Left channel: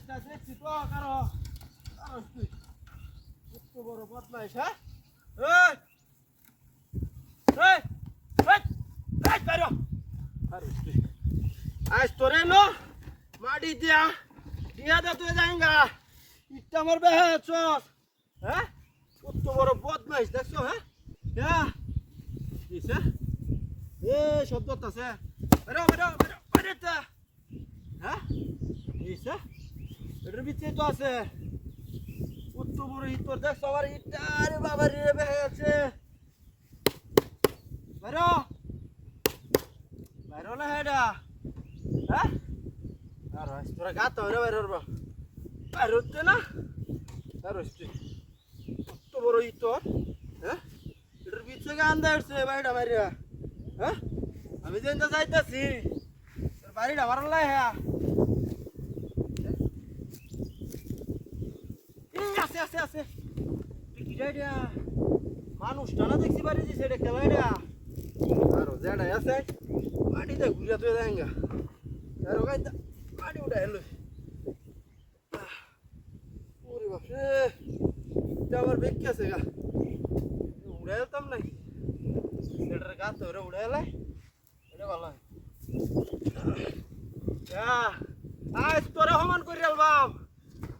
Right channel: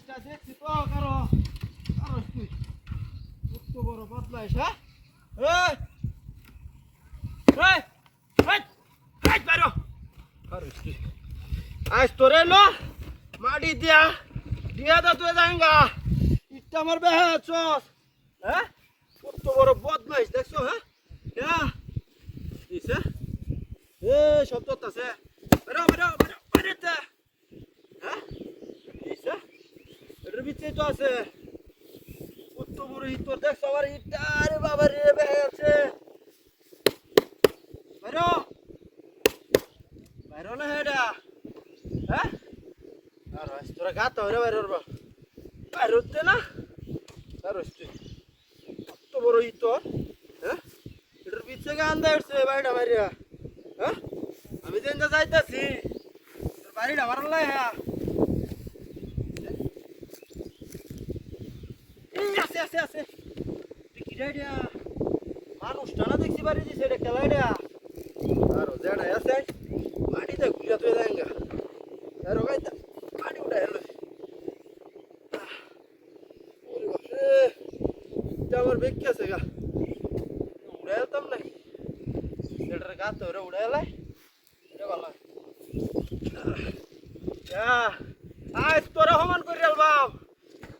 বদমাইশটা দেখছি তো কারো কারো তুই কত বড় বদমাইশ হ্যাঁ এই এই এই এই বাইরো কারো তুই আজ তোরে লো মাটি দিয়া দিয়া দা তুই যাইঙ্গা ইটটা আমার বেহে চস হ্যাঁ কত বড় বদমাইশ দেখছো হ্যাঁ হ্যাঁ দিছে এ শব্দ আছে বাইরো বাইরো বাইরো বাইরো হ্যাঁ দিছে এর ভিতরে তো আছে কত বড় ইট তোর দেখছো আমার ইটটা আরে বাবা রে বেহেছে বাইরো বাইরো না হেডা হ্যাঁ আর আজ তোরা গাত হরে বাইরো রে বাইরো হচ্ছে না আর হচ্ছে কত বড় ইট তোর হ্যাঁ এটার ভিতরে গান দাঁড়ছে বাইরে বাইরে হ্যাঁ আমি যেন যাইতাছি তোর বাড়িটা ভালো লাগে হ্যাঁ আছে আছে আছে তুই কি রে মানুষটা না দেখছি বাড়ি দিছে এটা খেলা এটা আরো যেটা আছে মাটিতে ঘুরে তুই যাঙ্গা আরো গাইতা মাটি উঠা এলো ওরে বাপরে এটা আমার বেঁকে আছে গা উড়ে যেতাম নাকি সেটার গা তো উড়ে এলাই এটা ভালো আজ তোরা সমান করে আলবাম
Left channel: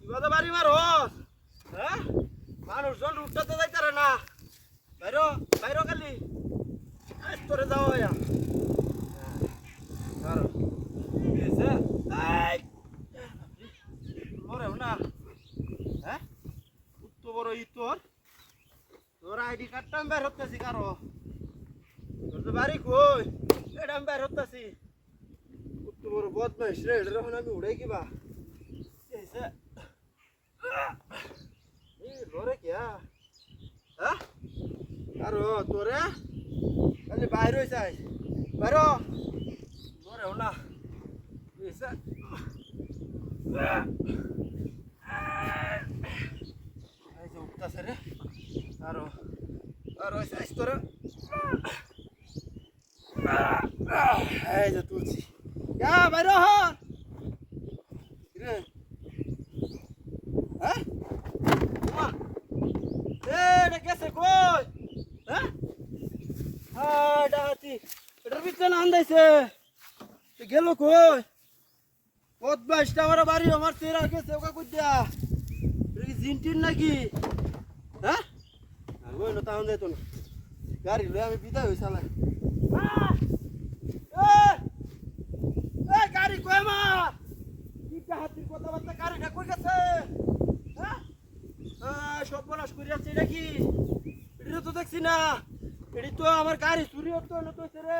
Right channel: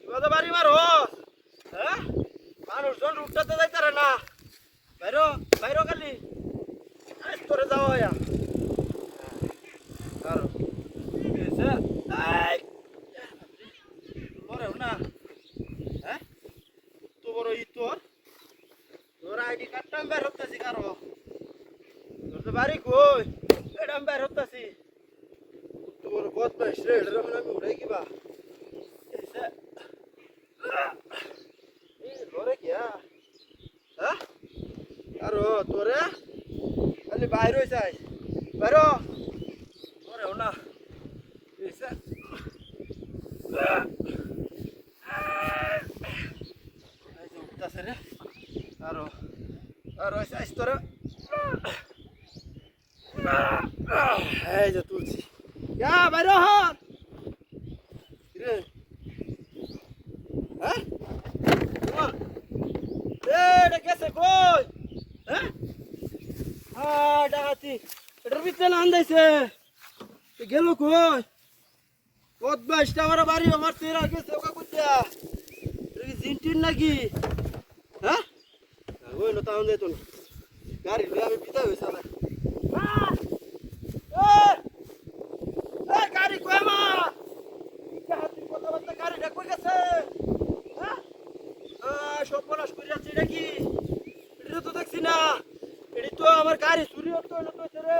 ইবাদে বাড়ি মার হস হ্যাঁ মানুষজন উঠতে যাইতারে না বাইরো বাইরো খালি আজ তোরে যাও ইয়া কারণ এসে আই মরে না হ্যাঁ কত বড় ই তোর তোর আইডি কার্ডটা বের হতেছি কারো তোর তো বাড়ি কই এটা বের হতেছি কত বড় বদমাইশ রে এটা মানে আমি উড়াই কিবা এসে ঘরে কিয়া হ্যাঁ আরো তোরা খালি বাইরে হয়েছে বাইরো ঘরে না এসে উঠতেছে রে আরো আরো আইস তোরা এই যে তুলছি বাইরো হন রে হ্যাঁ এটা গেছে কই হ্যাঁ হ্যাঁ ডাহাতি এটার ভিতরে আন্দাইছে গেল কই বদমাইশটা আমার বাড়ি আমার তেরা গেছে ওকে কুদ্দা এটা কি জিনটির নাকি হ্যাঁ ওই না তাহলে তো গাড়ি আমি পিতা হইছে না গাড়ি কই আমার হাতির কথাবার্তা গাড়িটা কই গেছে হ্যাঁ সব পলাশ করে যাচ্ছে নাকি এটা তো দেখছি না এটি তো আমার গাড়ি চুরি হতো না তো রে